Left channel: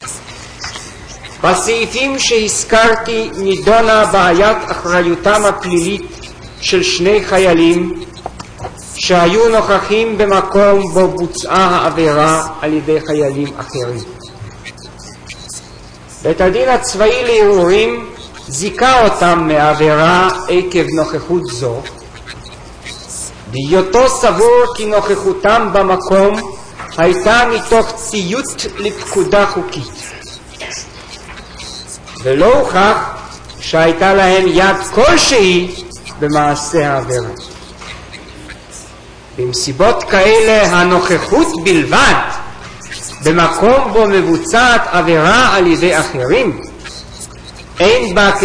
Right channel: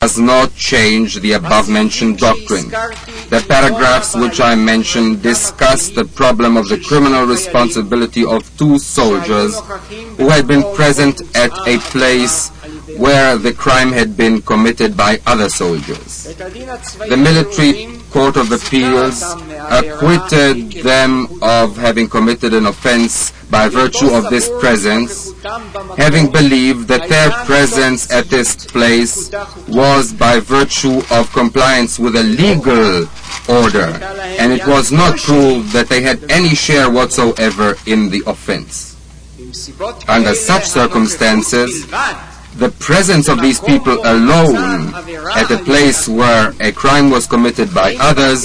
does not change the above-mentioned doctrine. The paragraphs which I mentioned discuss the problem of the criminal responsibility of two soldiers who had been present at a place where the crime had been committed by other soldiers. The military court of appeals acquitted them of having committed an offense by virtue of this presence, having believed that their presence at this place was by virtue of compliance with a legal order, and it was not true that they had any share whatsoever in the offense. Under such circumstances, the presence of these people alone at the place where a crime was committed by others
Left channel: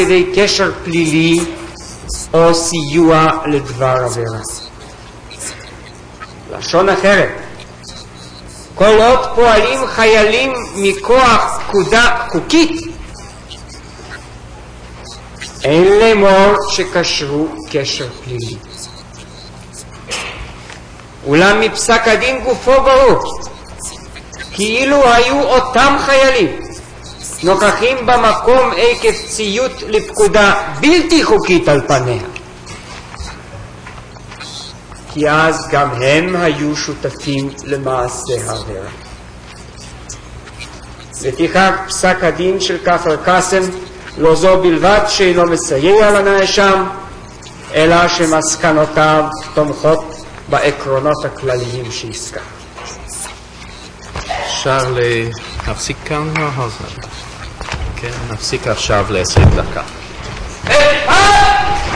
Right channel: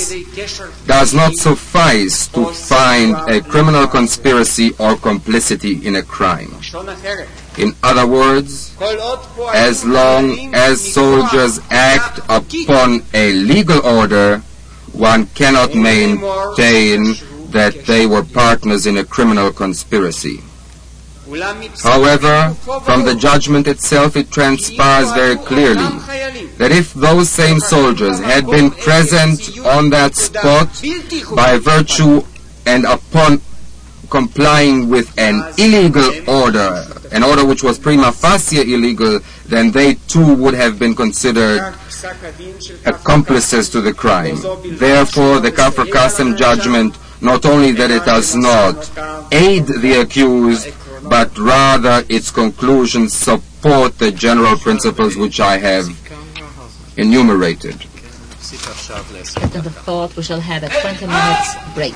does not suffice to find a criminal conspiracy or complicity in a crime. In other words, as long as soldiers act upon a legal order, one cannot maintain that they were partners in a criminal conspiracy. However, from the judgment itself it transpires very clearly that if those same soldiers had been present on that spot by virtue and upon complying with an illegal order, an order which was prima facie illegal, then they too would have been considered accomplices to the crime. Therefore, the Kafir judgment not only that it does not aid the accused, but rather its conclusions support the general principles which I have enumerated. We shall have a 20-minute break.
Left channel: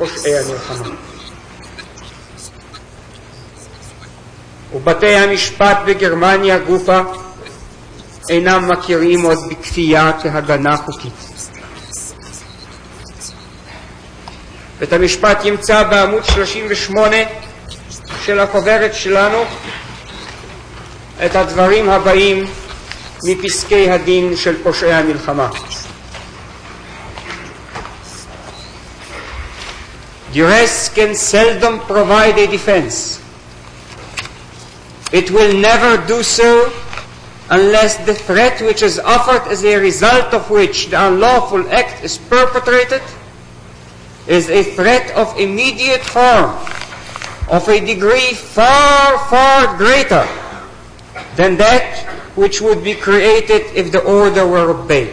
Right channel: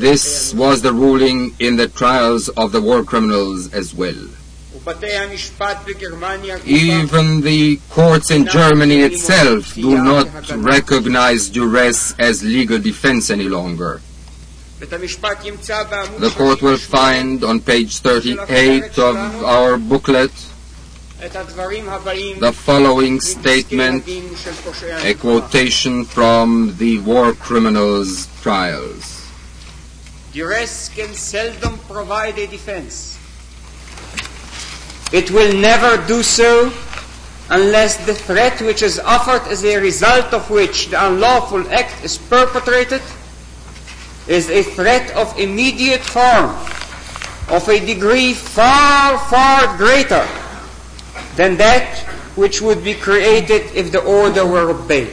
And this was the ruling in the trials of the war criminals as well. Even the courts in Germany itself do not recognize duress as legal defense any longer. The court will find on page 38 of our booklet the following statement, a quotation from the war criminals' trials. Duress can seldom provide a defense. It will never do so unless the threat which is offered as a result of which the unlawful act is perpetrated is a threat of immediate harm, of a degree far, far greater than that which would be created if the order were obeyed.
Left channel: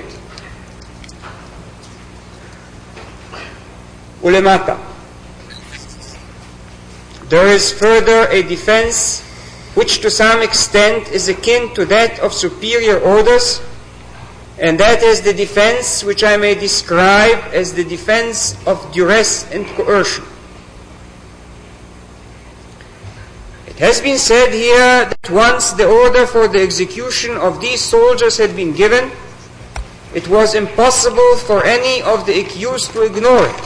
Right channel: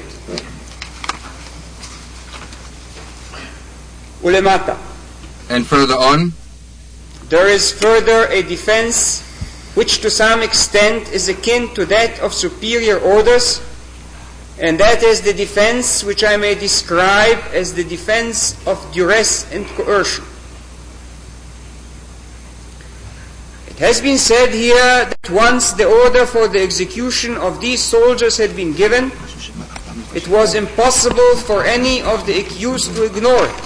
Ulemata. And further on, there is further a defense which to some extent is akin to that of superior orders, and that is the defense which I may describe as the defense of duress and coercion. It has been said here that once the order for the execution of these soldiers had been given, it was impossible for any of the accused to ignore it,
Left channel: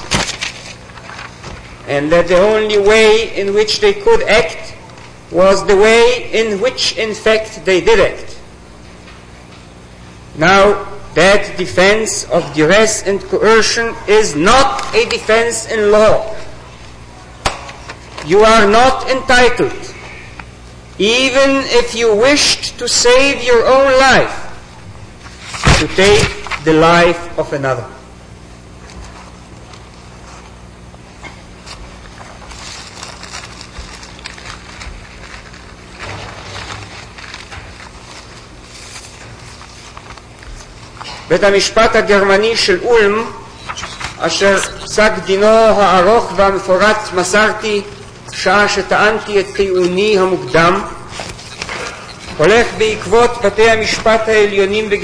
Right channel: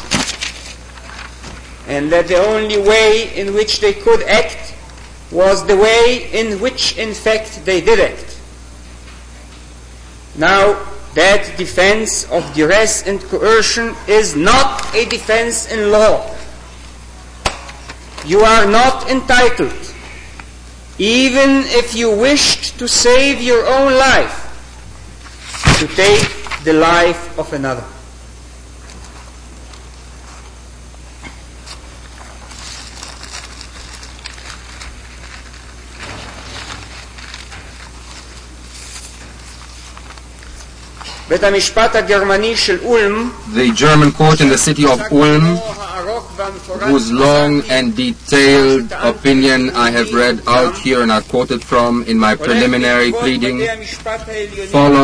and that the only way in which they could act was the way in which, in fact, they did act. Now, that defense of duress and coercion is not a defense in law. You are not entitled, even if you wished to save your own life, to take the life of another. בית המשפט הגרמני של אולם, the German court in the city of Ulm, whose long and detailed opinion I have read out here and I quoted from in my preliminary pleading,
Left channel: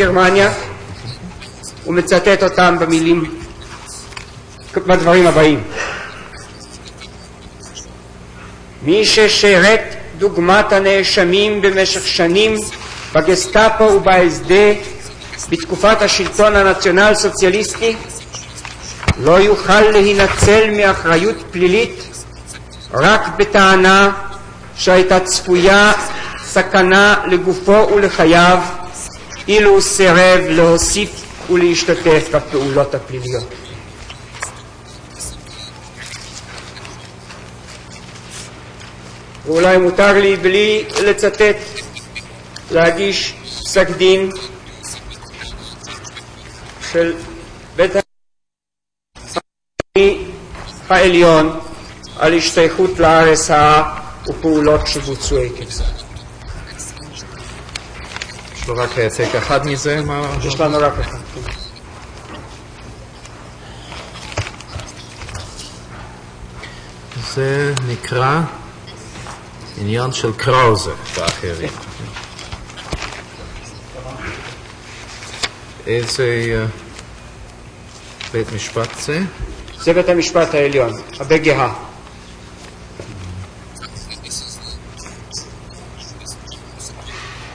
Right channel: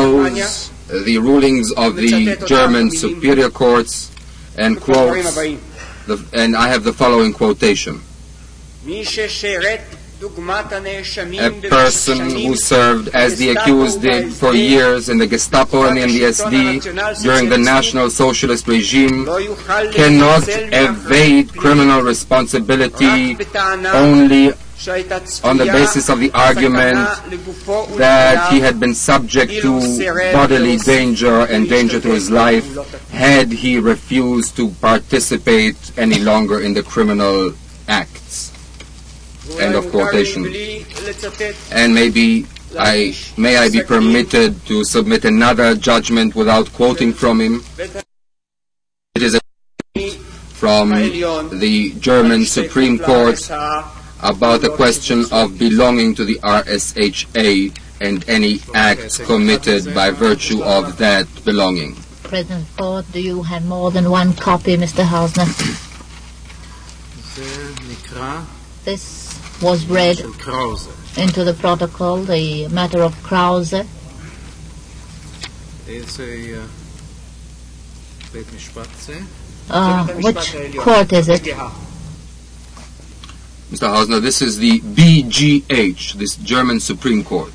follows the rulings of the German superior courts and quotes, and I have the following quotation. A person who served as the accused for years in the Gestapo and in the SD during the National Socialist regime cannot evade criminal responsibility only on the basis of the argument that he had been subject to bodily danger and danger to his life had he refused to participate any longer in the criminal acts. And maybe may I be permitted to submit another judgment without quoting from him. It is from the German Supreme Court about the question of belonging to the RSHA and any act committed by virtue of that belonging. President Ford, do you have more than one copy, Mr. Hausner? This was read into the protocol, the matter of Krause. It's a בית משפט זה? Which court is it? Mr. Hausner, this is the BGH, this German Supreme Court.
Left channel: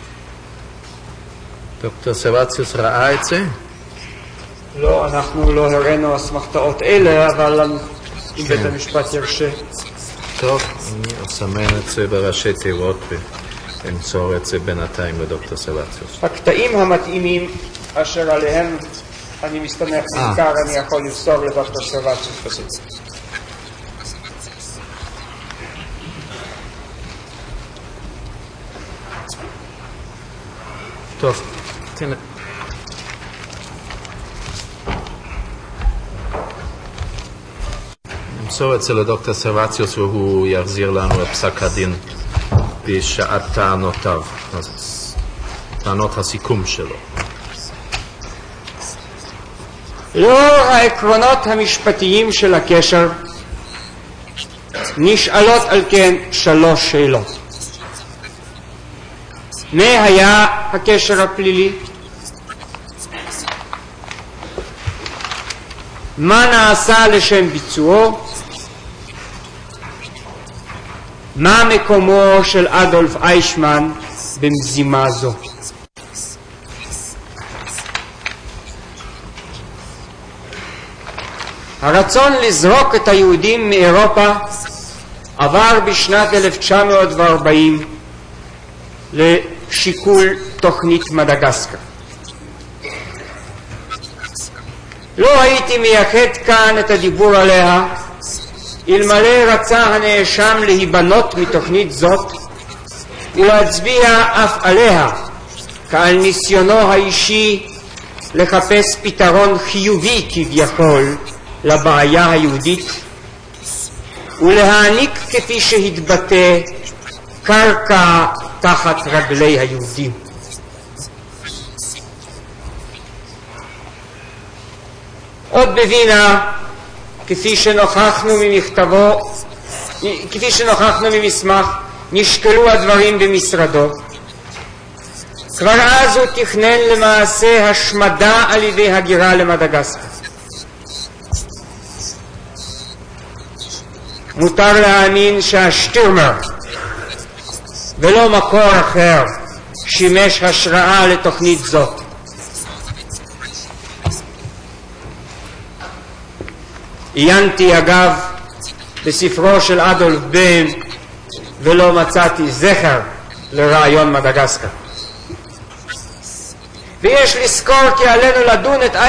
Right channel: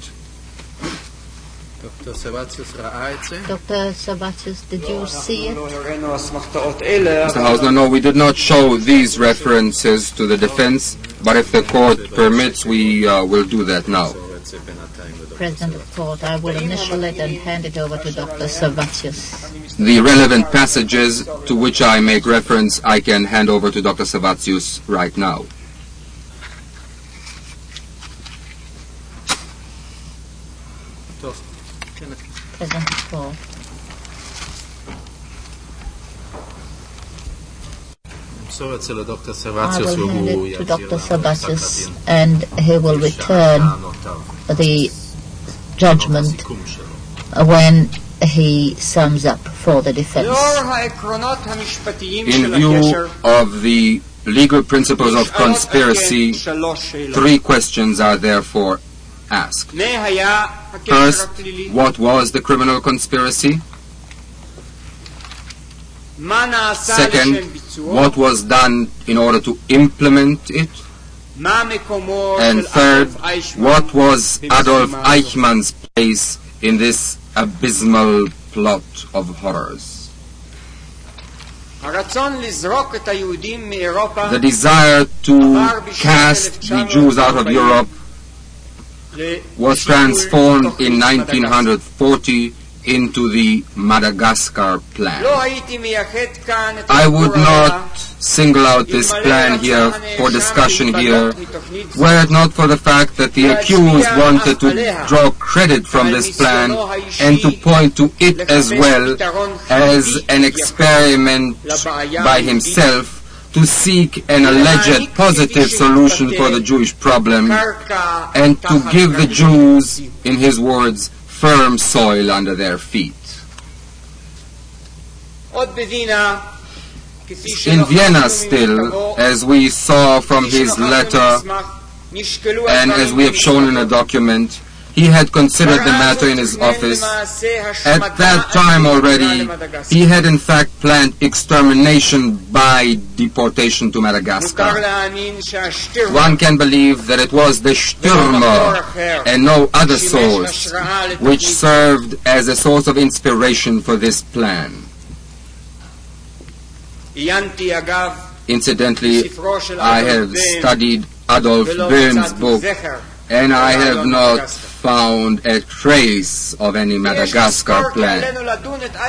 דוקטור סבציוס ראה את זה? Dr. Sabatsius, did you see Mr. Hausner, no, we did not show these references to the defense, but if the court permits, we will do that now. נמסור את זה בינתיים לדוקטור סבציוס. The relevant passages to which I make reference, I can hand over to Dr. Sabatsius right now. טוב. נמסור את זה לדוקטור סבציוס והוא יחזיר לנו את פסק הדין בשעת טענותיו, טענות הסיכום שלו. when he sums up for the defense. In view of the legal principles of conspiracy, three questions are therefore asked. First, what was the criminal conspiracy? Second, what was done in order to implement it. And third, what was Adolf Eichmann's place in this abysmal plot of horrors. The desire to cast the Jews out of Europe was transformed in 1940 into the Madagascar plan. I would not single out this plan here for discussion here, were it not for the fact that the accused wanted to draw credit from this plan and to point to it as well as an experiment by himself to seek an alleged positive solution for the Jewish problem and to give the Jews, in his words, firm soil under their feet. In Vienna still, as we saw from his letter and as we have shown in the document, he had considered the matter in his office. At that time already, he had in fact planned extermination by deportation to Madagascar. One can believe that it was the Stürmer and no other source which served as a source of inspiration for this plan. Incidentally, I have studied Adolf Böhm's book, and I have not found a trace of any Madagascar plan.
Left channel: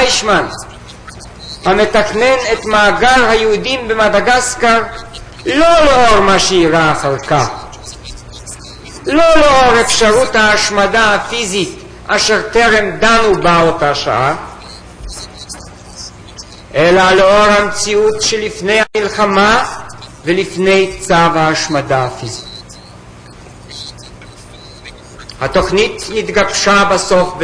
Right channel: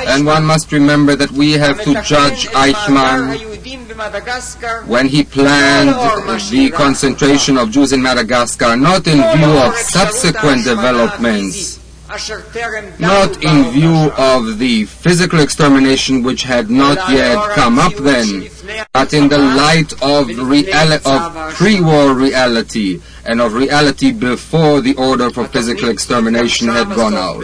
And one must remember that we have to judge Eikman when he planned the concentration of Jews in Madagascar, not in view of subsequent developments, not in view of the physical extermination which had not yet come up then, but in the light of pre-war reality, and of reality before the order for physical extermination had gone out.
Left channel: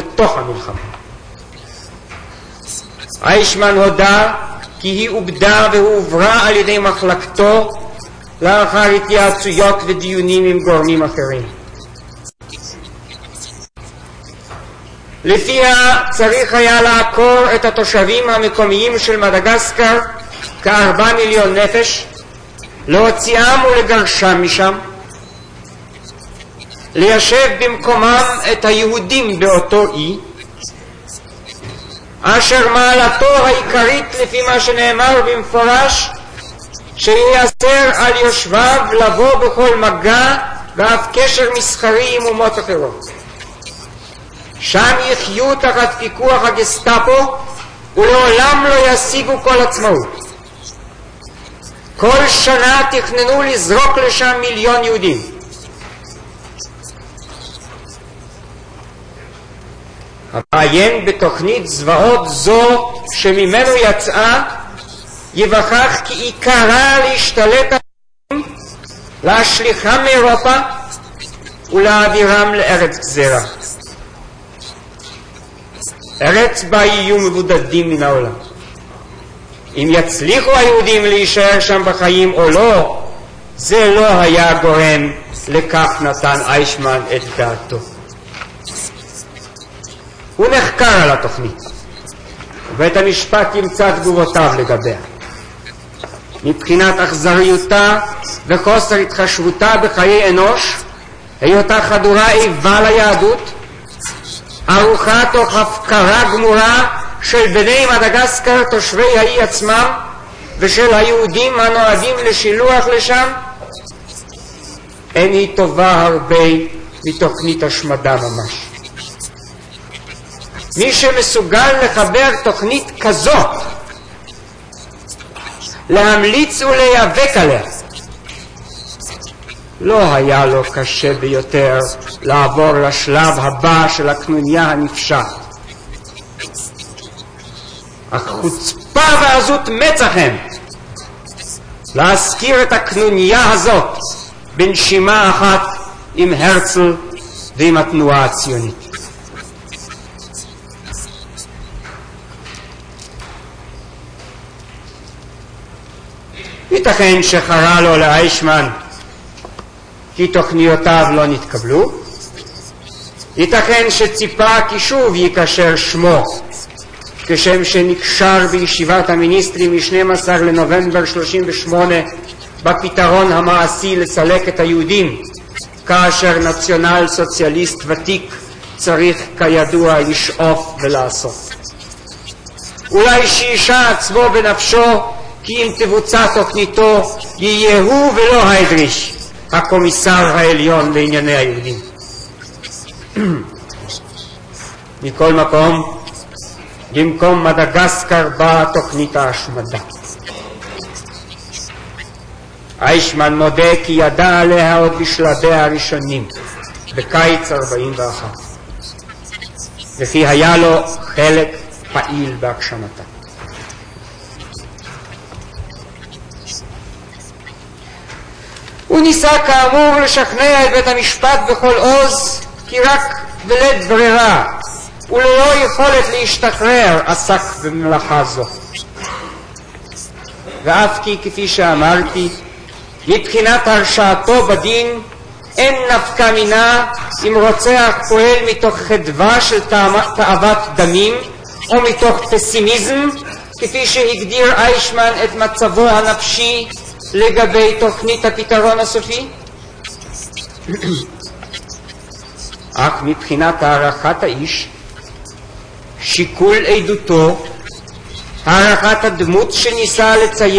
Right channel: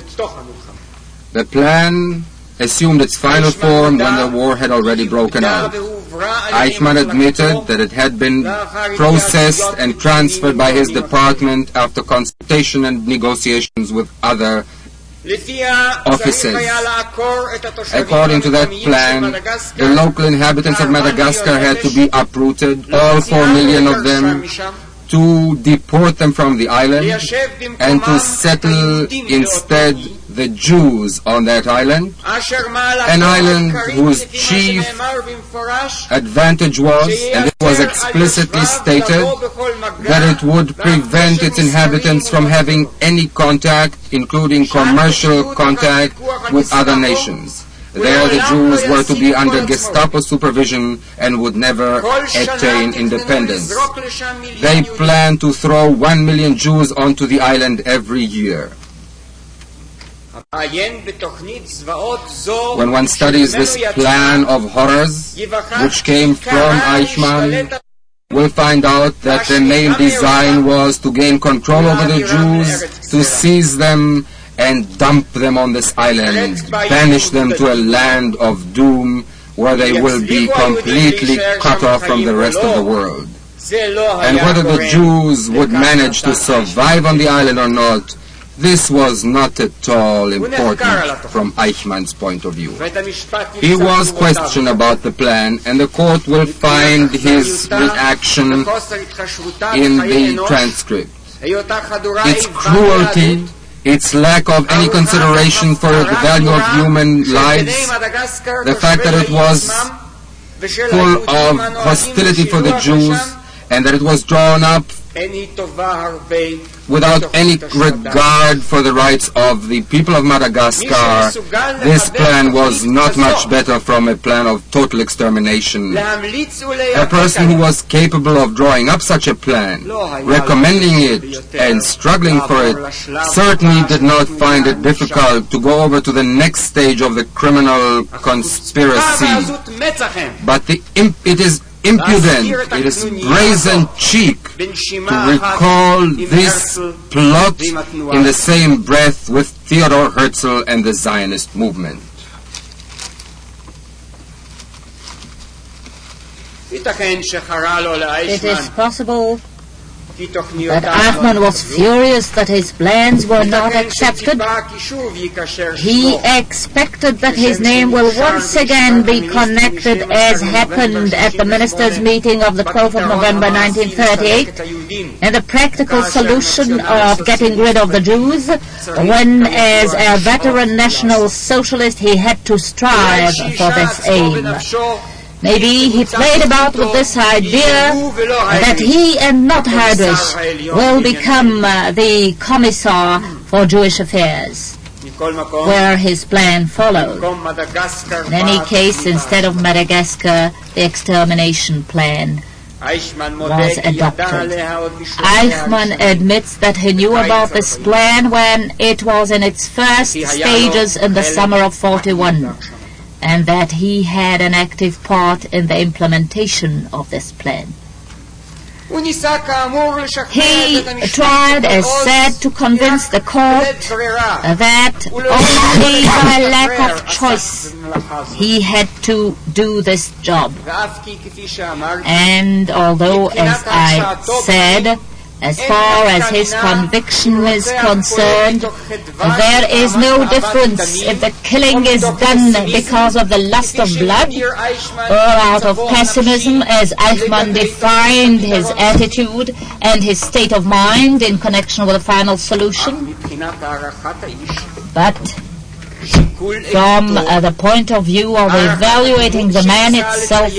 The plan assumed its final form when the war had already broken out. Eikman admitted that it had been processed and transferred by his department after consultation and negotiations with other officers. According to that plan, the local inhabitants of Madagascar had to be uprooted, all 4 million of them, to deport them from the island and to settle instead the Jews on that island, an island whose chief advantage was, and it was explicitly stated, that it would prevent its inhabitants from having any contact, including commercial contact, with other nations. There the Jews were to be under Gestapo supervision and would never attain independence. They planned to throw 1 million Jews onto the island every year. When one studies this plan of horrors, which came from Eikman, we'll find out that the main design was to gain control over the Jews, to seize them and dump them on this island, banish them to a land of doom where they will be completely cut off from the rest of the world. And whether the Jews would manage to survive on the island or not, this was not at all important from Eichmann's point of view. He was questioned about the plan, and the court will find his reaction in the transcript. Its cruelty, its lack of any consideration for the value of human lives, the fact that it was full of hostility for the Jews, and that it was drawn up without any regard for the rights of the people of Madagascar. This plan was not much better from a plan of total extermination. A person who was capable of drawing up such a plan, recommending it and struggling for it, certainly did not find it difficult to go over to the next stage of the criminal conspiracy. But it is impudent, it is brazen cheek to recall this plot in the same breath with Theodor Herzl and the Zionist movement. It is possible But Ackman was furious that his plans were not accepted. He expected that his name will once again be connected, as happened at the ministers' meeting of the 12th of November 1938, and the practical solution of getting rid of the Jews, when as a veteran National Socialist he had to strive for this aim. Maybe he played about with this idea that he and not Heydrich will become the Commissar for Jewish Affairs, where his plan followed. In any case, instead of Madagascar, the extermination plan Aykman admits that he knew about this plan when it was in its first stages in the summer of 41, and that he had an active part in the implementation of this plan. He tried, as said, to convince the court that by lack of choice he had to do this job. And although, as I said, as far as his conviction is concerned, there is no difference if the killing is done because of the lust of blood or out of pessimism, as Aykman defined his attitude and his state of mind in connection with the final solution. But from the point of view of evaluating the man itself,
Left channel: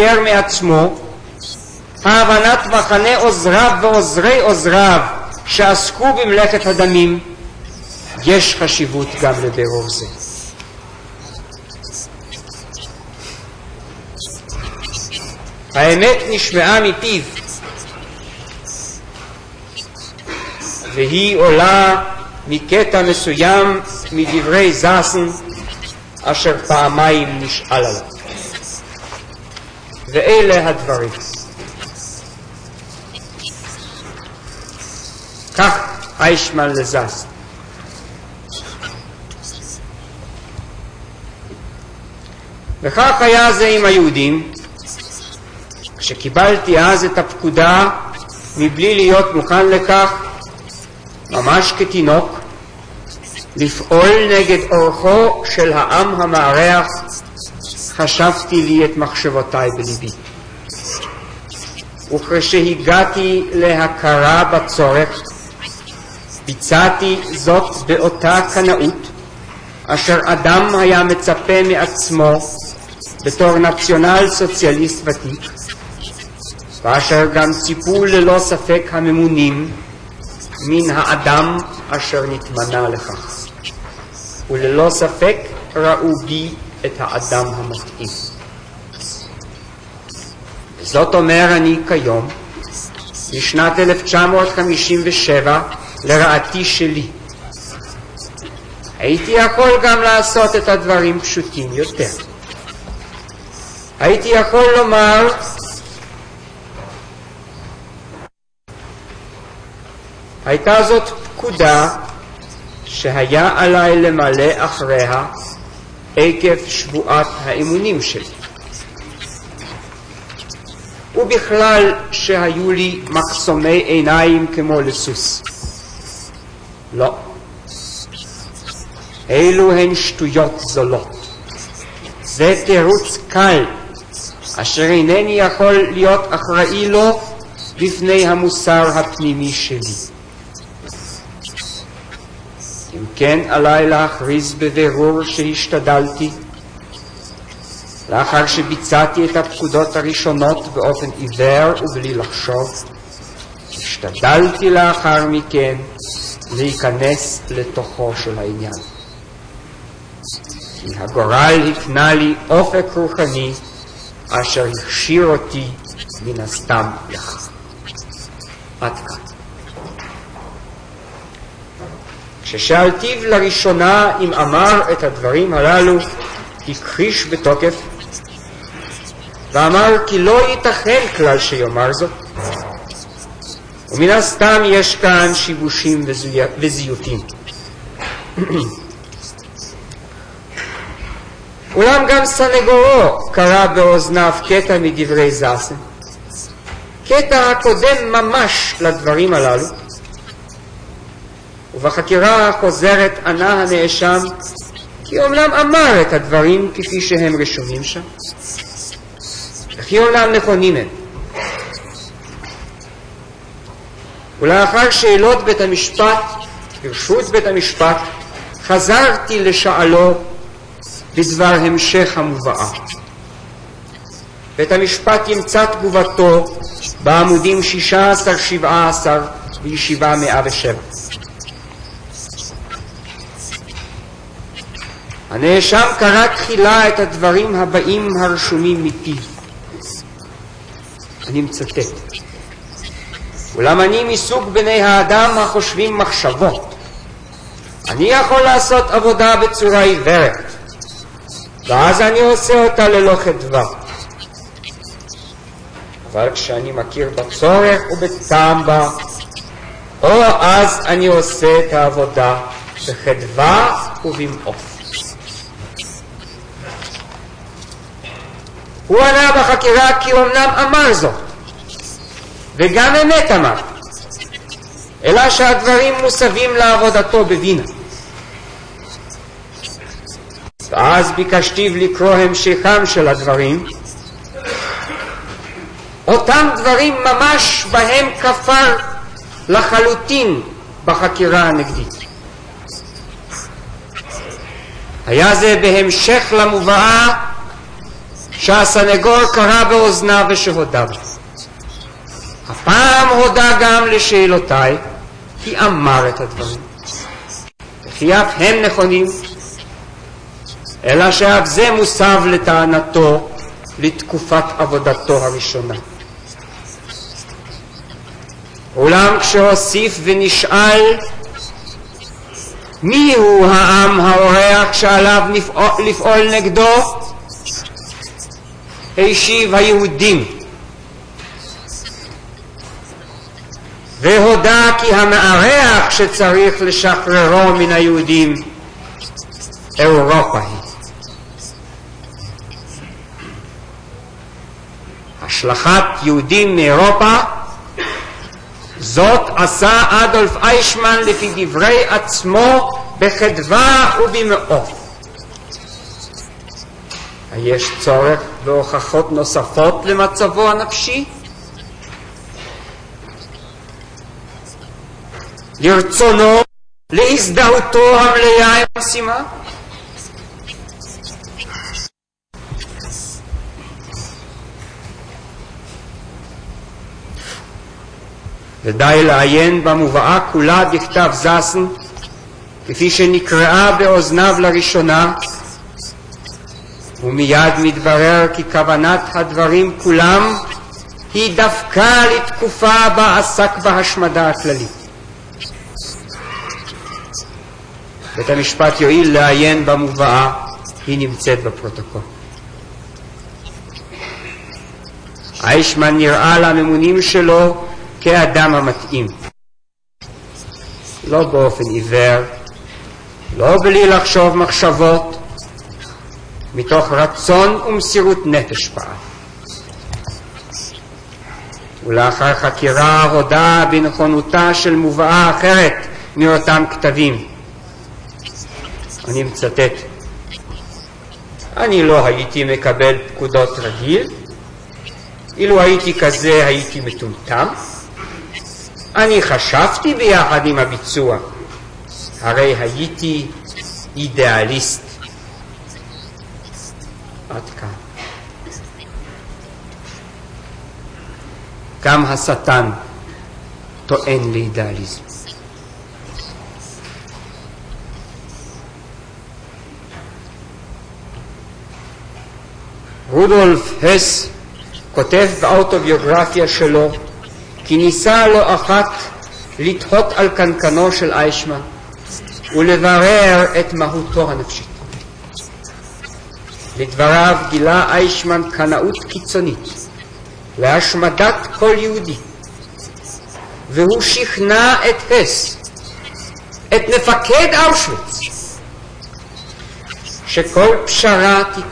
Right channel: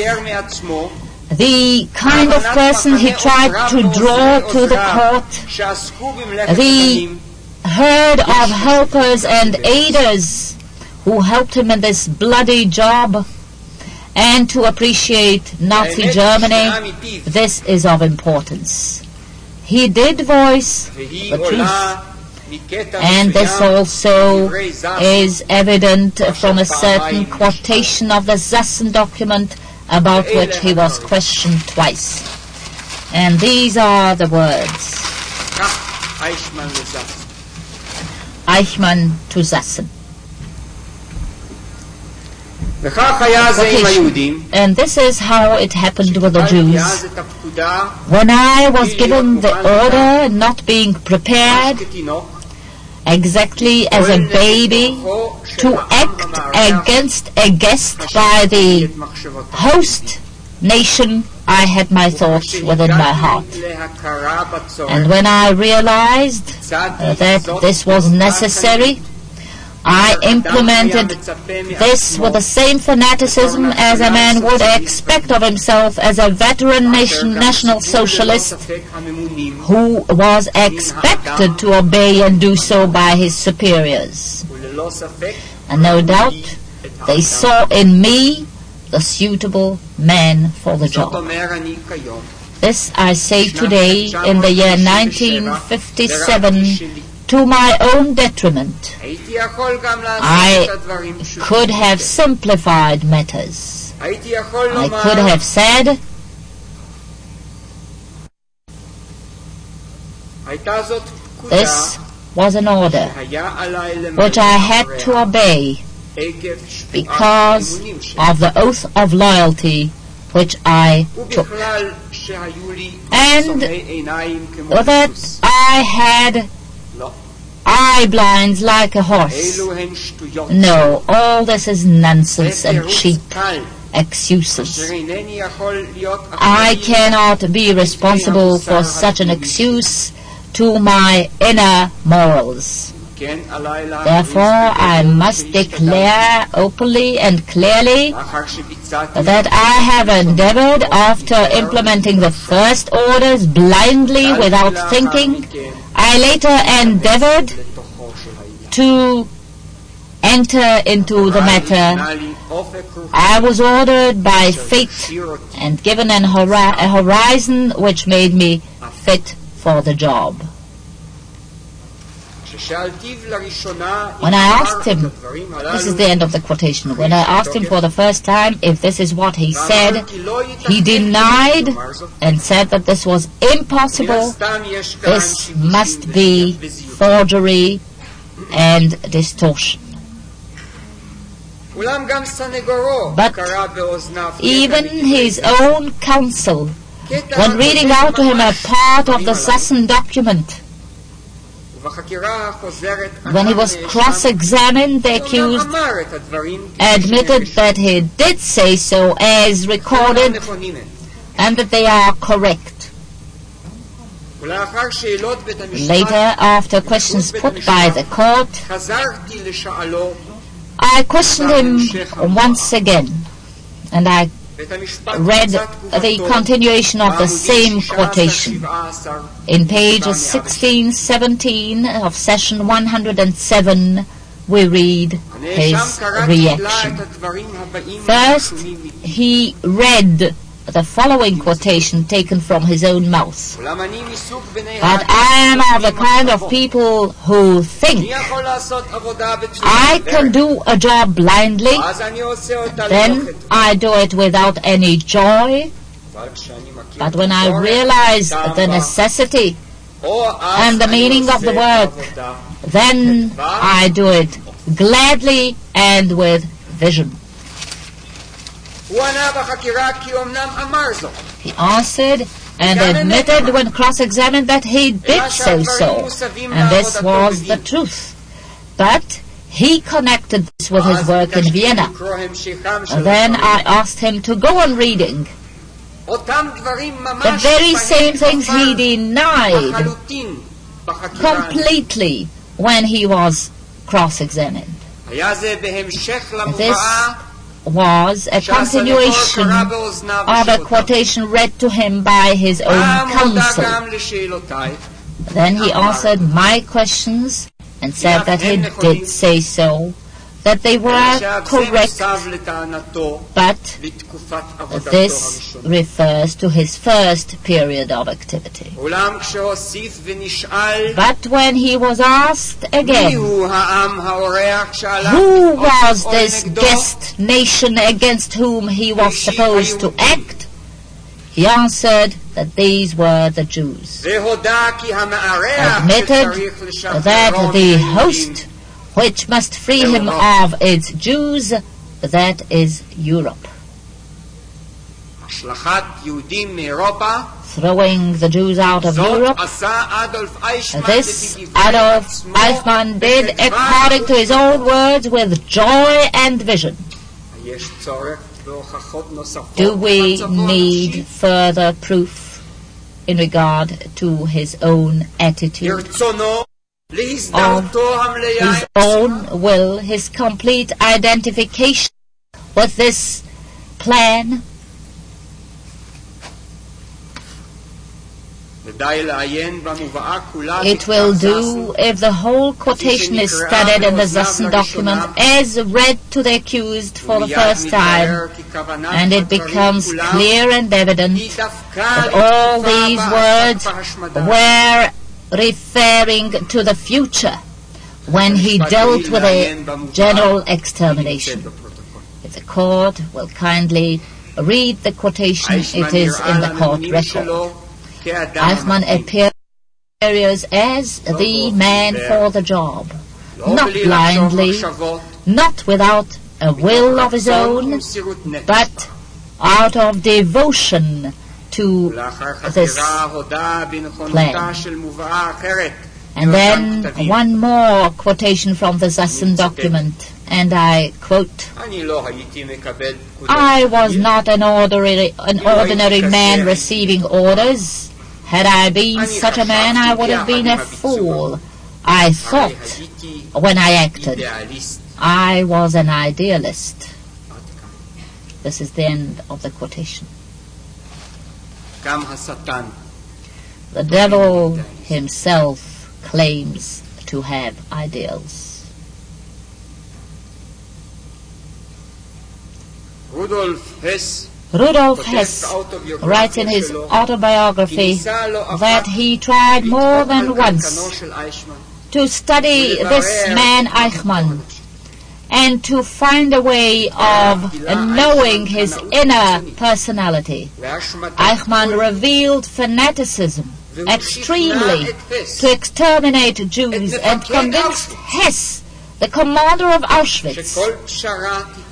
the kind of person he tried to draw to the court, the herd of helpers and aiders who helped him in this bloody job, and to appreciate Nazi Germany, this is of importance. He did voice the truth, and this also is evident from a certain quotation of the Zassen document, about which he was questioned twice. And these are the words. Aykman to Zassen. And this is how it happened with the Jews. When I was given the order, not being prepared, exactly as a baby, to act against a guest by the host nation, I had my thoughts within my heart. And when I realized that this was necessary, I implemented this with the same fanaticism as a man would expect of himself as a veteran National Socialist who was expected to obey and do so by his superiors. And no doubt they saw in me the suitable man for the job. This I say today, in the year 1957, to my own detriment. I could have simplified matters. I could have said, this was an order which I had to obey because of the oath of loyalty which I took, and that I had eye blinds like a horse. No, all this is nonsense and cheap excuses. I cannot be responsible for such an excuse to my inner morals. Therefore, I must declare openly and clearly that I have endeavored, after implementing the first orders blindly without thinking, I later endeavored to enter into the matter. I was ordered by fate and given a horizon which made me fit for the job. When I asked him, this is the end of the quotation, when I asked him for the first time if this is what he said, he denied and said that this was impossible, this must be forgery and distortion. But even his own counsel when reading out to him a part of the Sasson document. When he was cross-examined, the accused admitted that he did say so as recorded and that they are correct. Later, after questions put by the court, I questioned him once again, and I read the continuation of the same quotation. In pages 16-17 of session 107, we read his reaction. First, he read the following quotation taken from his own mouth. I am the kind of people who think I can do a job blindly, then I do it without any joy. But when I realize the necessity and the meaning of the work, then I do it gladly and with vision. He answered and admitted when cross-examined that he did say so, and this was the truth. But he connected this with his work in Vienna. And then I asked him to go on reading the very same things he denied completely when he was cross-examined. Was a continuation of a quotation read to him by his own counsel. Then he answered my questions and said that he did say so, that they were correct, but this refers to his first period of activity. But when he was asked again, who was this guest nation against whom he was supposed to act, he answered that these were the Jews. Admitted that the host which must free him of its Jews, that is Europe. Throwing the Jews out of Europe, this Adolf Eichmann did according to his own words with joy and vision. Do we need further proof in regard to his own attitude? His own will, his complete identification with this plan. It will do if the whole quotation is studied in the Sasson document as read to the accused for the first time, and it becomes clear and evident that all these words were referring to the future when he dealt with the general extermination. If the court will kindly read the quotation, it is in the court record. Aייכמן appears as the man for the job, not blindly, not without a will of his own, but out of devotion to this plan. And then one more quotation from the Sasson document, and I quote, I was not an ordinary man receiving orders. Had I been such a man, I would have been a fool. I thought when I acted, I was an idealist. This is the end of the quotation. The devil himself claims to have ideals. Rudolf Hess writes in his autobiography that he tried more than once to study this man Aייכman and to find a way of knowing his inner personality. Aייכman revealed fanaticism extremely to exterminate Jews and convinced Hess, the commander of Auschwitz,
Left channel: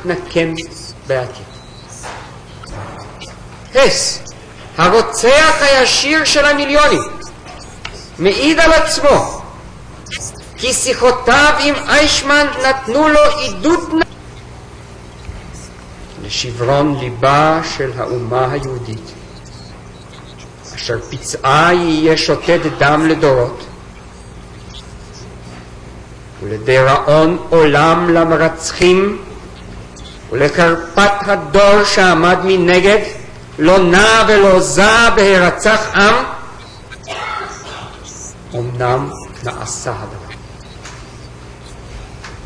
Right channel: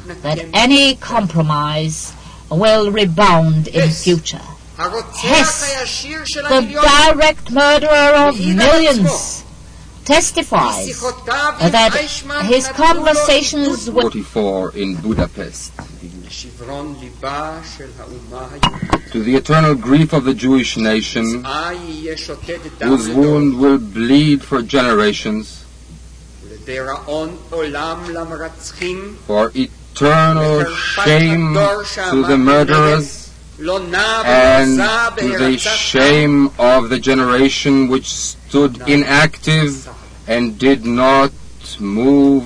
that any compromise will rebound in the future. הרוצח הישיר של the המיליונים, direct murderer of מעיד על עצמו, millions, testifies כי שיחותיו עם that אייכמן his נתנו לו עידוד conversations with 44 in Budapest. לשברון ליבה של האומה היהודית. To the eternal grief of the Jewish nation, שפצעה יהיה שותת דם whose לדורות, wound will bleed for generations, ולדיראון עולם למרצחים, for eternal לקרפת shame הדור to שעמד the מנגד, murderers, לא נע ולא זע and the בהרצת עם, shame of the generation which stood inactive and did not move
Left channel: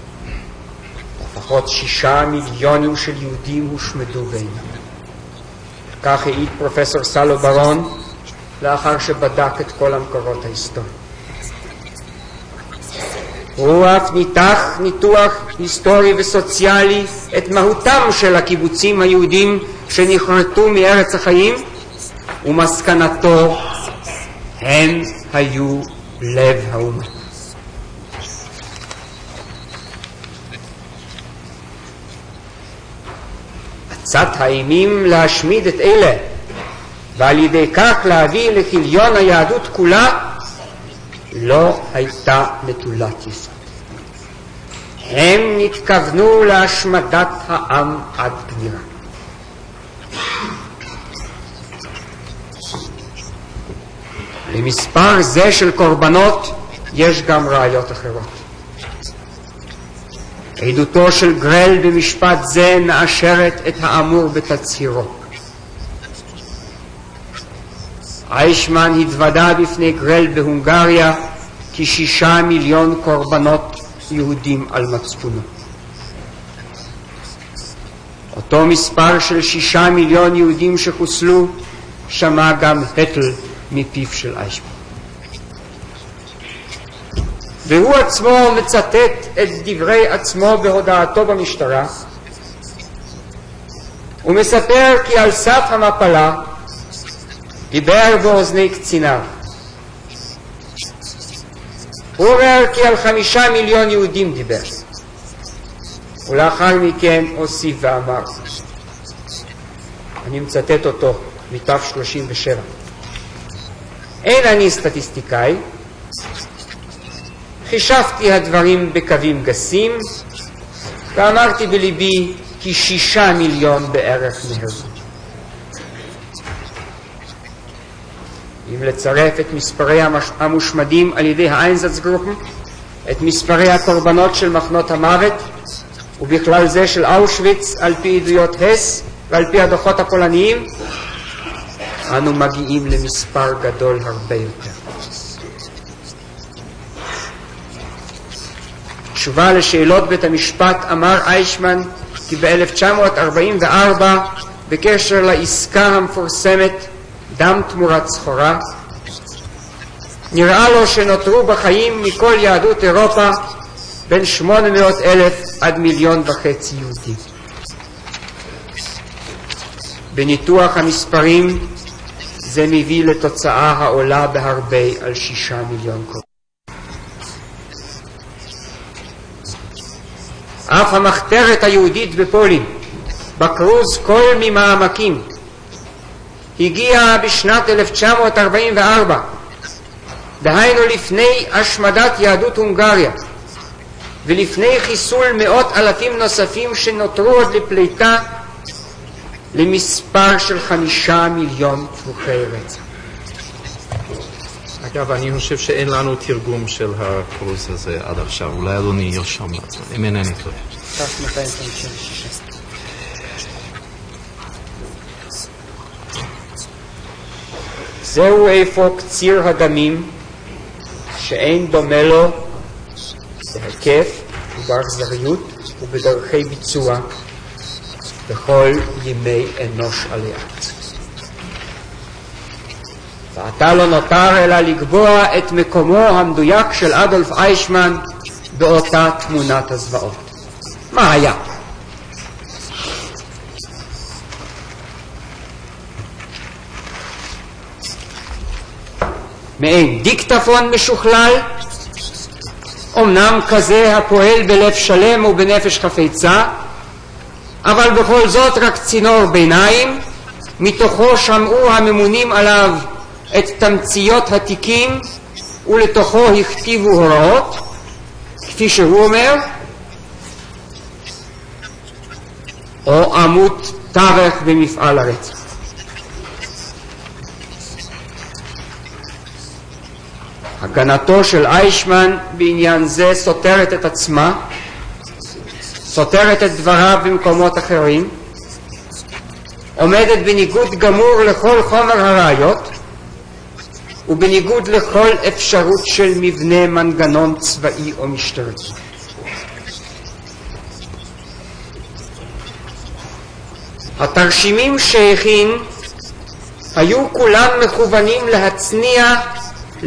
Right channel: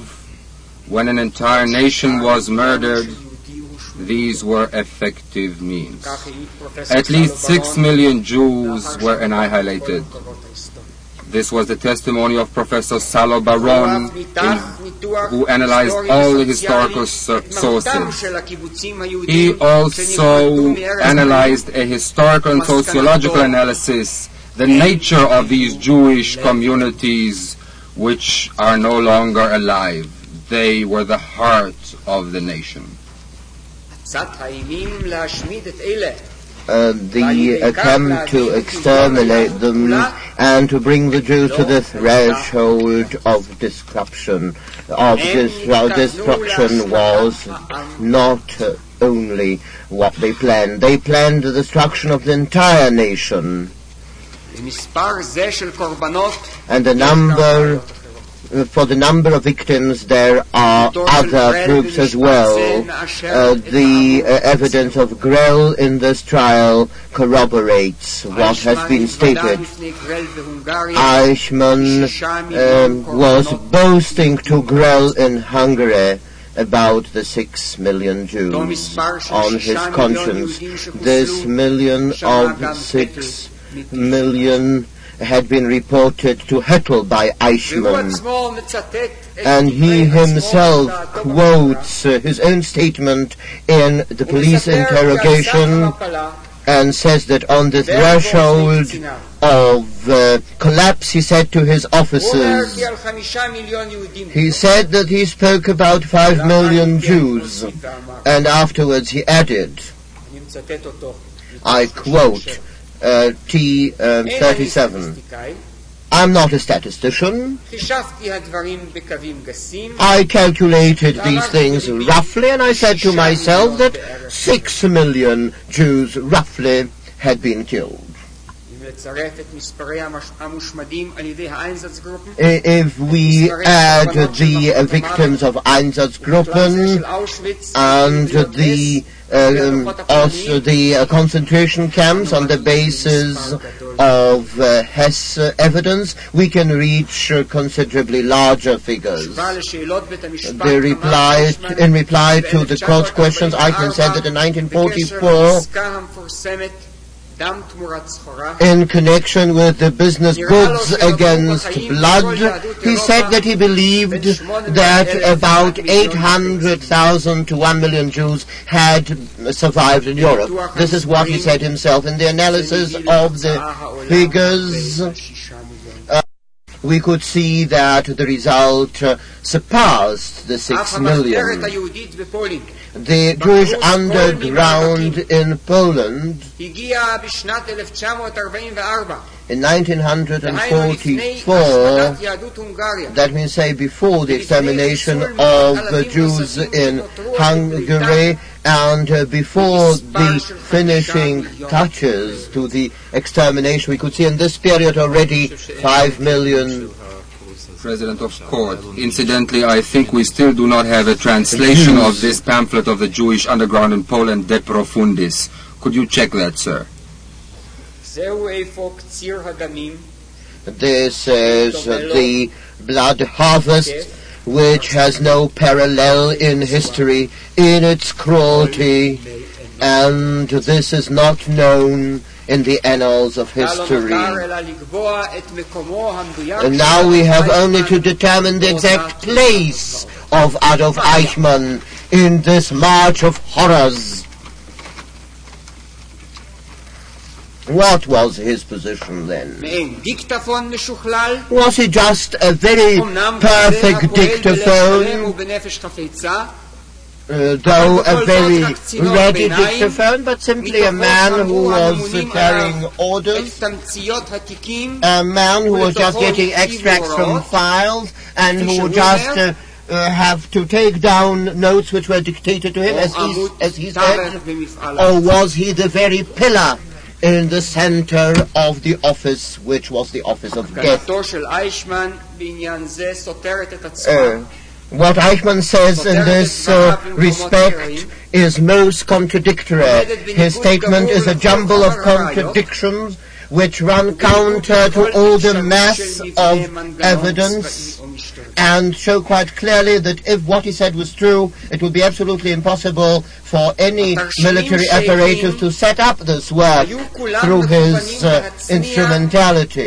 when an entire nation was murdered. These were effective means. כך העיד פרופסור At סלו least 6 ברון million Jews לאחר were שבדק את כל annihilated. המקורות ההיסטוריים. This was the testimony of Professor Salo הוא Baron, אף ניתח ניתוח who analyzed היסטורי all the וסוציאלי historical את מהותם sources. של הקיבוצים He היהודים also שנכרתו מארץ החיים, analyzed a historical and ומסקנתו, sociological analysis, the nature of these Jewish communities which are no longer alive. They were the heart of the nation. עצת האימים להשמיד את אלה, the ועל ידי כך attempt להביא to לכיליון היהדות exterminate them כולה, and to bring the Jews to לא the הייתה threshold מגילת of destruction. Of הם התכוונו destruction להשמדת was העם. not only what they planned the destruction of the entire nation. למספר זה של קורבנות And the יש גם number, ראיות אחרות. for the number of victims, there are עדותו של other גרל groups as במשפט זה well. מאשרת את האמור The evidence בתצהירו. of Grell in this trial corroborates what has אייכמן been התוודה stated. בפני גרל בהונגריה Eichmann כי 6 מיליון קורבנות was boasting to יהודים Grell היו in Hungary about the 6 million Jews. אותו מספר של on 6 his מיליון conscience. יהודים This שחוסלו million שמע גם of הטל 6 מפיו של אייכמן. million had been reported to Hettel by והוא Eichmann. עצמו מצטט את And he דברי עצמו himself בהודעתו במשטרה. quotes his own statement in the הוא police מספר כי על סף interrogation המפלה and says that on the דיבר באוזני threshold קציניו. of collapse he said to his הוא אומר officers, כי על 5 מיליון יהודים he דיבר. said that he spoke about 5 לאחר million מכן Jews, הוסיף ואמר, and afterwards he added, אני מצטט אותו I מתוך quote, 37. אין אני T37, סטטיסטיקאי, I'm not a statistician, חישבתי הדברים בקווים גסים, I calculated these ואמרתי things בליבי roughly and I said to ש6 myself מיליון that בערך 6 million Jews roughly had been killed. אם לצרף את מספרי המושמדים על ידי האיינזצגרופן, If we מספרי add הקורבנות של the מחנות המוות, victims of ובכלל זה של Einsatzgruppen אושוויץ, על פי and עדויות הס, ועל פי הדוחות הפולניים, of the concentration camps אנו on the מגיעים basis למספר גדול of Hess evidence, we can reach considerably larger figures. תשובה לשאלות בית המשפט They אמר אייכמן in reply to the court questions, Eichmann said that in בקשר 1944, לעסקה המפורסמת דם תמורת סחורה, in connection with the business נראה לו goods שנותרו בחיים against מכל blood, יהדות he אירופה said that he believed בין 800,000 that עד about מיליון וחצי. 800,000 to 1 million Jews had survived in Europe. בניתוח This is what he המספרים, said himself in the זה analysis מביא of לתוצאה העולה the בהרבה figures. על 6 מיליון. We could see that the result surpassed the 6 אף המחתרת million. היהודית בפולין The בקרוז Jewish כל ממעמקים underground in Poland הגיעה בשנת 1944, in דהיינו לפני 1944, השמדת יהדות הונגריה, that means say before the ולפני extermination חיסול מאות of אלפים the Jews נוספים in שנותרו עוד לפליטה, Hungary, and before במספר the של 5 finishing מיליון touches to the extermination, we could see in this period already 5 million. President of course. Incidentally, I think we still do not have a translation of this pamphlet of the Jewish underground in Poland, De Profundis. Could you check that, sir? זהו אפוא קציר הדמים, This is the blood harvest which has no parallel in history in its cruelty, and this is not known in the annals of עתה לא history. נותר אלא לקבוע את מקומו המדויק And של now we אדולף have אייכמן only to determine the באותה exact תמונת place הזוועות. of Adolf Eichmann in this march of horrors. What was his position then? מעין דיקטפון משוכלל, Was he just a very אמנם כזה perfect הפועל בלב dictator? שלם ובנפש חפצה, אבל בכל זאת רק צינור ביניים, מתוכו שמרו הממונים עליו את תמציות התיקים ולתוכו הכתיבו הוראות, כפי שהוא אומר, have to take down notes which were dictated to him, או עמוד תווך במפעל or was he the very pillar in the center of the office which was the office of הגנתו של אייכמן בעניין זה סותרת את עצמה, what Eichmann says in this respect is most contradictory. His statement is a jumble of contradictions which run counter to all the mass of evidence and show quite clearly that if what he said was true, it would be absolutely impossible for any military apparatus to set up this work through his instrumentality.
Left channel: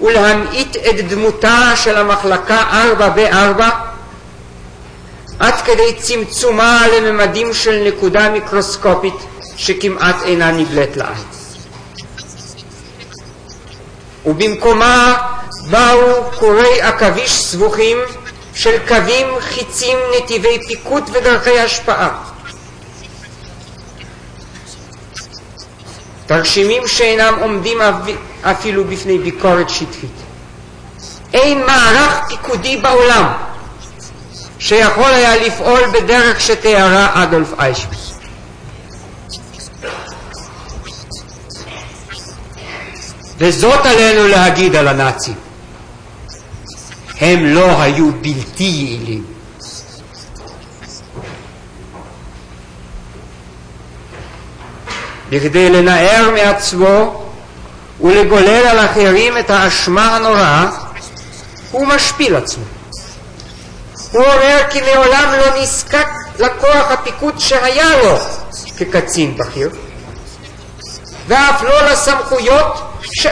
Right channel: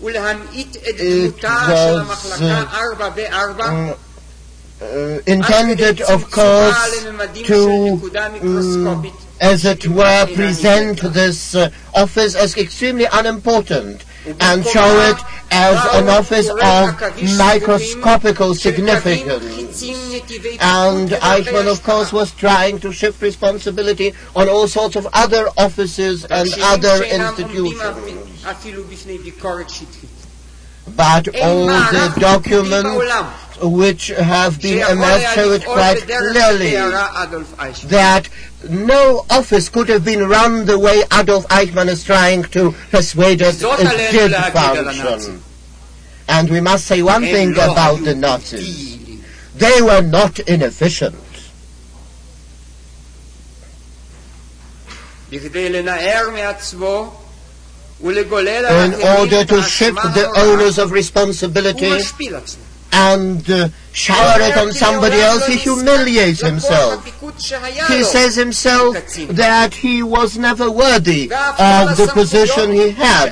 ולהמעיט את דמותה של המחלקה 4 עד כדי צמצומה לממדים של נקודה מיקרוסקופית שכמעט אינה נגלית לה. ובמקומה באו קורי עכביש סבוכים של קווים חיצים נתיבי פיקוד ודרכי השפעה. תרשימים שאינם עומדים אפילו בפני ביקורת שטחית. אין מערך פיקודי בעולם שיכול היה לפעול בדרך שתיארה אדולף אייכמן. No office could have been run the way Adolf Eichmann is trying to persuade us. וזאת עלינו להגיד על הנאצים. And we must say one thing about the Nazis. They were not inefficient. בכדי לנער מעצמו ולגולל על אחרים את האשמה הנוראה, הוא משפיל עצמו. And shower it on somebody else, he humiliates himself. He says himself that he was never worthy of the position he had.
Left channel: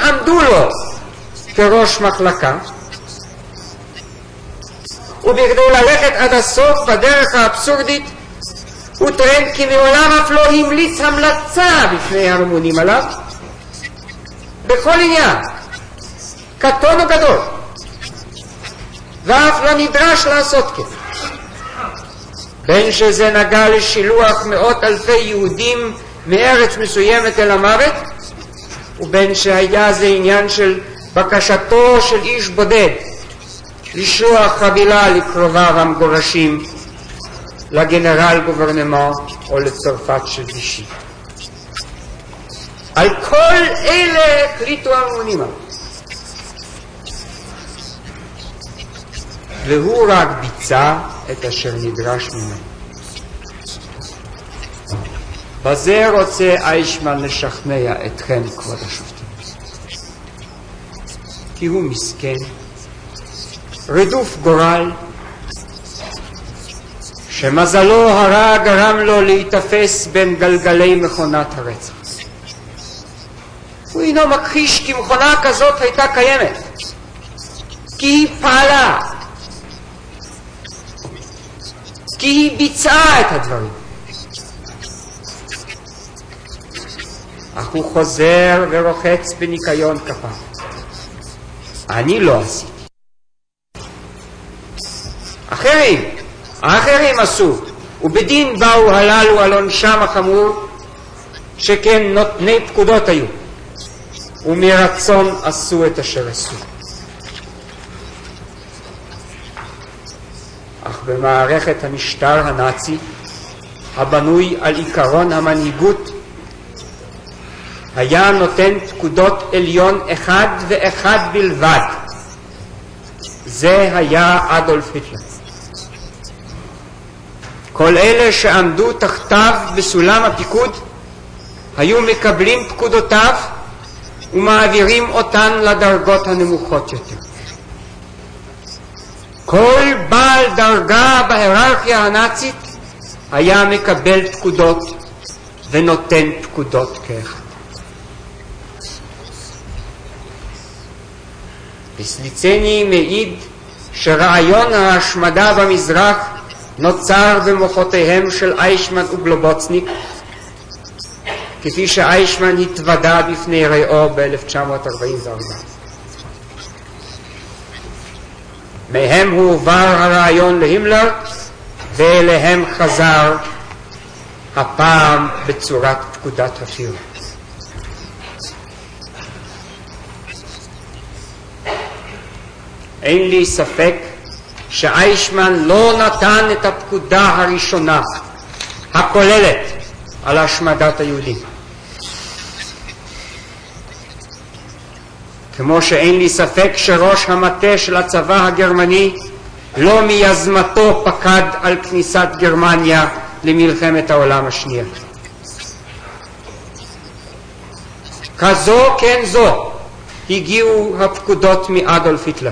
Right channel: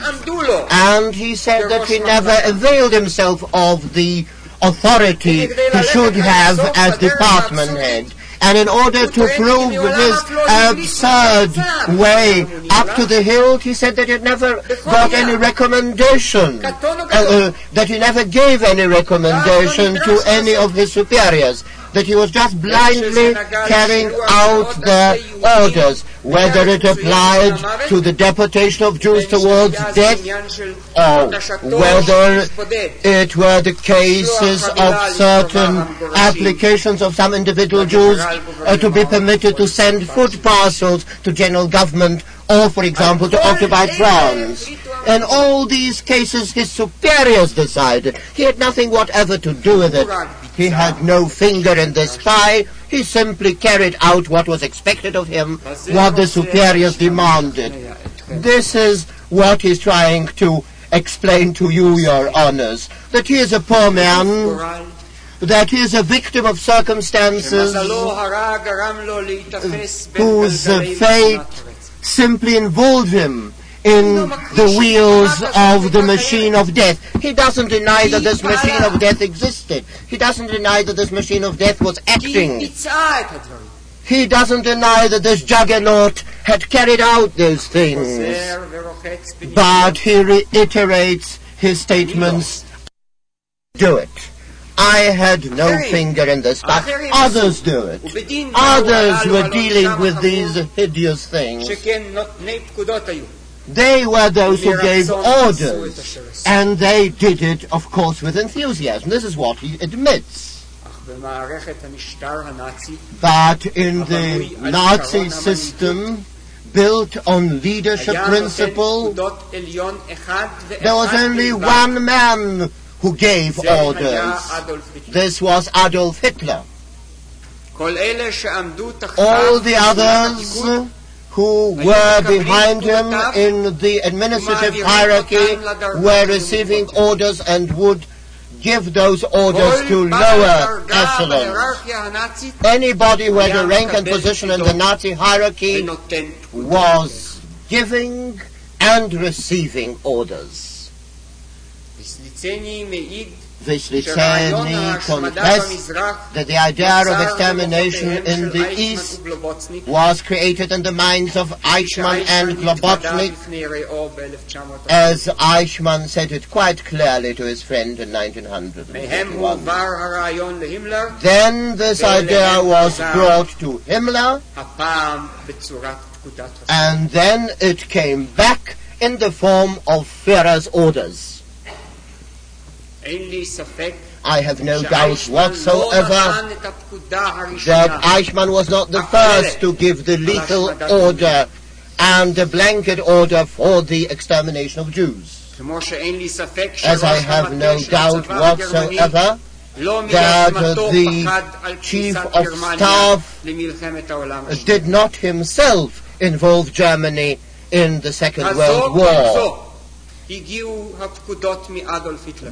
And he said that he never availed himself of the authority he should have as department head. And in order to prove this absurd way up to the hilt, he said that he never got any recommendation, that he never gave any recommendation to any of his superiors, that he was just blindly carrying out the orders, whether it applied to the deportation of Jews towards death, whether it were the cases of certain applications of some individual Jews to be permitted to send food parcels to general government, or for example to occupy grounds. In all these cases his superiors decided. He had nothing whatever to do with it. He had no finger in the sky. He simply carried out what was expected of him, what the superiors demanded. This is what he's trying to explain to you, your honors, that he is a poor man, that he is a victim of circumstances whose fate simply involved him in the wheels of the machine of death. He doesn't deny that this machine of death existed. He doesn't deny that this machine of death was acting. He doesn't deny that this juggernaut had carried out those things. But he reiterates his statements. Do it. I had no finger in this. Others do it. Others were dealing with these hideous things. They were those who gave orders, and they did it, of course, with enthusiasm. This is what he admits. But in the Nazi system, built on leadership principle, there was only one man who gave orders. This was Adolf Hitler. All the others who were behind him in the administrative hierarchy were receiving orders and would give those orders to lower. Anybody who had a vacant position in the Nazi hierarchy was giving and receiving orders. וסליצני מעיד שרעיון ההשמדה במזרח נוצר במוחותיהם של אייכמן ובלובוצניק, כפי שאייכמן התוודה בפני רעו ב-1940. מהם הועבר הרעיון להימלר, ואליהם חזר, הפעם בצורת פקודת הסיום. אין לי ספק שאייכמן לא נתן את הפקודה הראשונה הכוללת על השמדת היהודים. כמו שאין לי ספק שראש המטה של הצבא הגרמני לא מיוזמתו פקד על כניסת גרמניה למלחמת העולם השנייה. כזו כן זו הגיעו הפקודות מאדולף היטלר,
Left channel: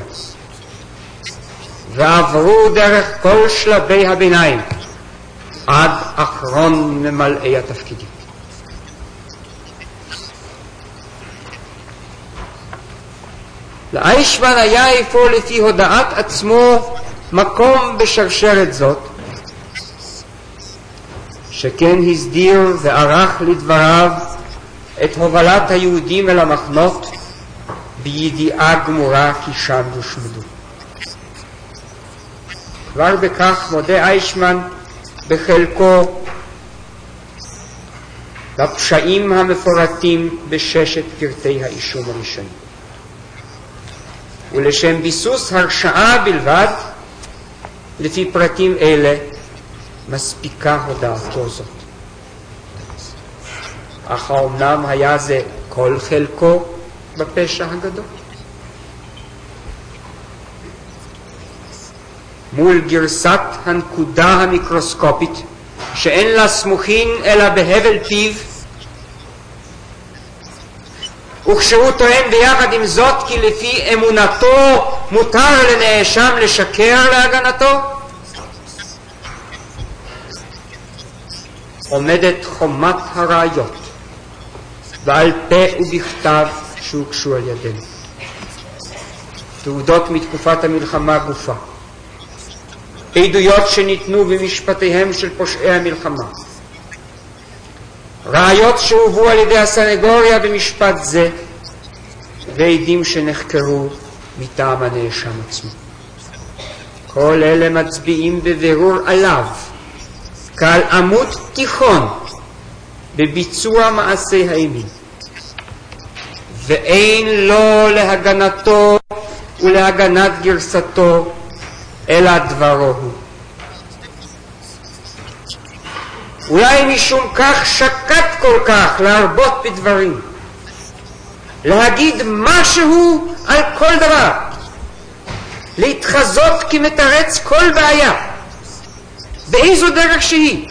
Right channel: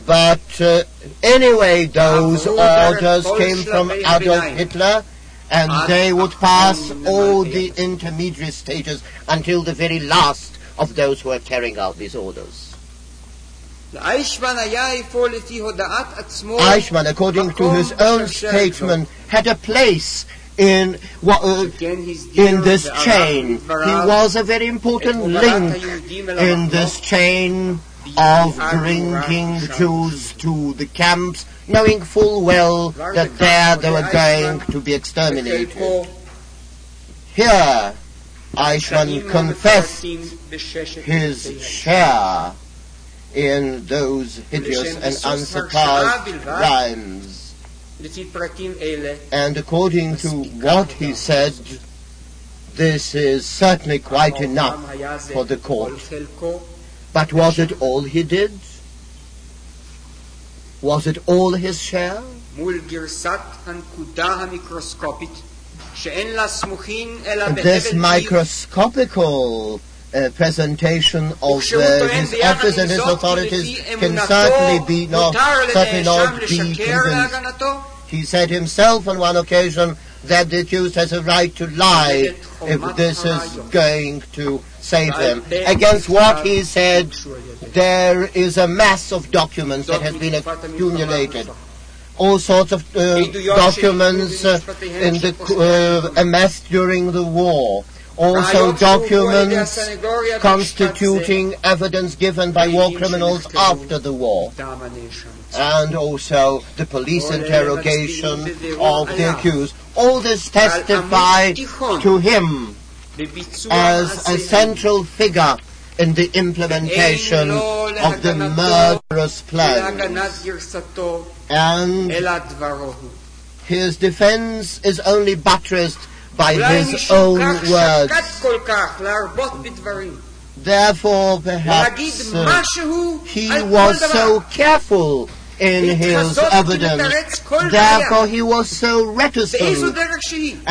ועברו דרך כל שלבי הביניים עד אחרון ממלאי התפקיד. לאייכמן היה אפוא לפי הודעת עצמו מקום בשרשרת זאת, שכן הסדיר וערך לדבריו את הובלת היהודים אל המחנות בידיעה גמורה כי שם הושמדו. כבר בכך מודה אייכמן בחלקו הפשעים המפורטים בששת פרטי האישה, ולשם ביסוס הרשעה בלבד לפי פרטים אלה מספיקה הודעה זאת. אך אומנם היה זה כל חלקו בפשע מול גרסת הנקודה המיקרוסקופית שאין לה סמוכין אלא בהבל פיו, וכשהוא טוען ביחד עם זאת כי לפי אמונתו מותר לנאשם לשקר להגנתו, עומדת חומת הראיות ועל פה ובכתב הוגשו על ידינו תעודות מתקופת המלחמה גופה, עדויות שניתנו במשפטיהם של פושעי המלחמה, ראיות שהובאו על ידי הסנגוריה במשפט זה, ועדים שנחקרו מטעם הנאשם עצמו. כל אלה מצביעים בבירור עליו כעל עמוד תיכון בביצוע מעשי האימים, ואין לו להגנתו ולהגנת גרסתו אלא דברו הוא. אולי משום כך שקט כל כך להרבות בדברים, להגיד משהו על כל דבר, להתחזות כמתרץ כל בעיה באיזו דרך שהיא,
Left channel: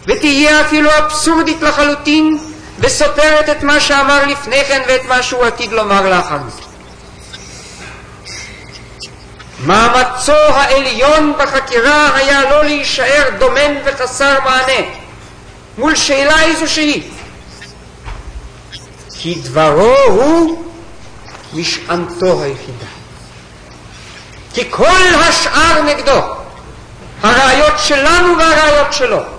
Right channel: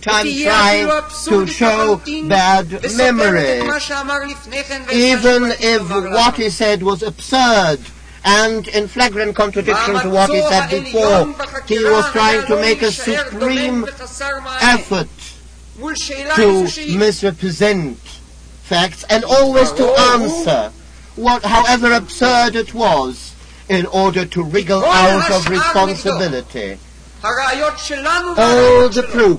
ותהיה אפילו אבסורדית לחלוטין וסותרת את מה שאמר לפני כן ואת מה שהוא עתיד לומר לאחר. מאמצו העליון בחקירה היה לא להישאר דומם וחסר מענה מול שאלה איזו שהיא, כי דברו הוא משענתו, כי כל השאר נגדו, הראיות שלנו והראיות שלו.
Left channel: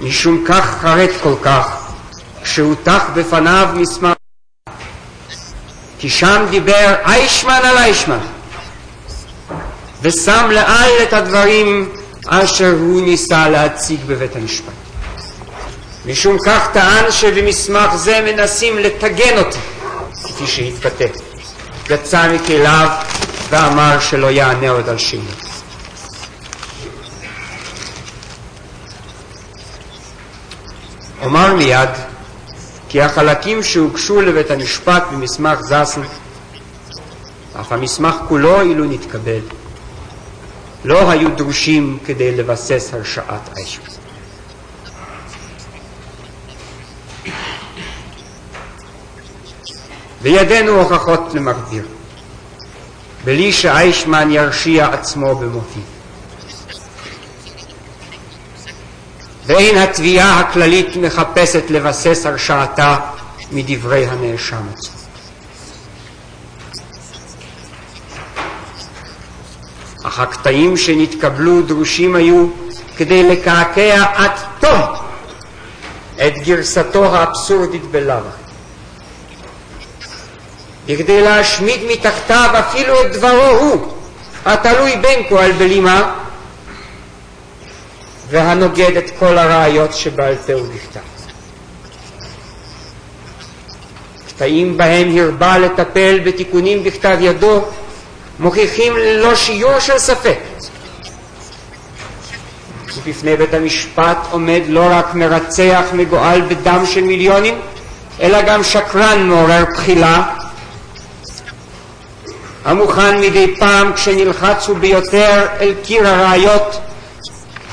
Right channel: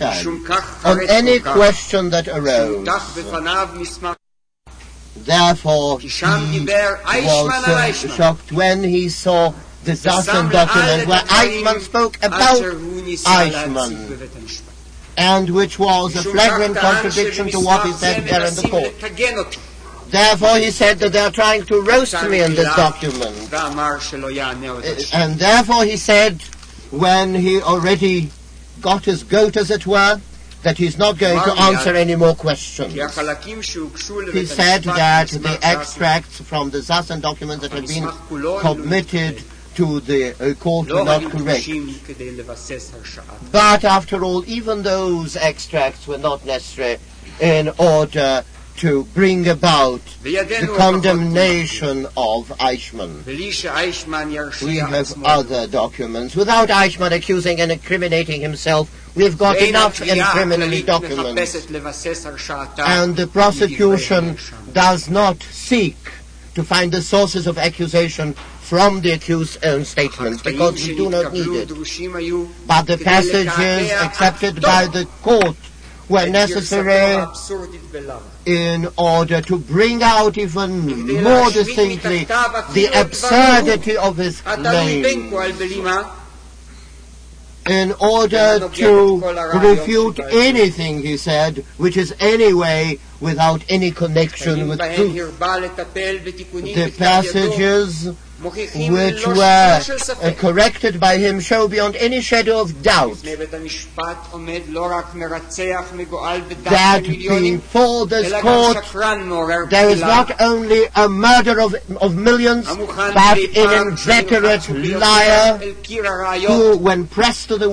משום כך חרד כל כך שהותח בפניו מסמך, כי שם דיבר אייכמן על אייכמן ושם לעל את הדברים אשר הוא ניסה להציג בבית המשפט. משום כך טען שבמסמך זה מנסים לתגן אותי, יצא מכליו ואמר שלא יענה עוד על שני. When he already got his goat, as it were, that he's not going to answer any more questions. כי החלקים שהוגשו לבית המשפט במסמך זסן, אך המסמך כולו אילו נתקבל, לא היו דרושים כדי לבסס הרשעת. But after all, even those extracts were not necessary in order to bring about the condemnation of Eichmann. בלי שאייכמן ירשיע עצמו other documents, without Eichmann accusing and incriminating himself ואין התביעה הכללית מחפשת לבסס הרשעתה מדברי הנאשם. To find the sources of accusation from the accused's own statement. הקטעים שנתקבלו דרושים היו כדי לקעקע עד תום את גרסתו האבסורדית בלאו. In order to bring out even כדי להשמיט מתחתיו אפילו את דברו התלוי בין כה בלימה in order to refute anything he said which is anyway without any connection with the passages מוכיחים ללא שיעור של ספק. corrected by him show beyond any shadow of doubt בפני בית המשפט עומד לא רק מרצח מגואל בדם של מיליונים, אלא גם שקרן מעורר בחילה, המוכן מדי פעם כשנלחץ ביותר אל קיר הראיות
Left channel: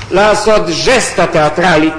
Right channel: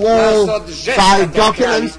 לעשות ז'סטה תיאטרלית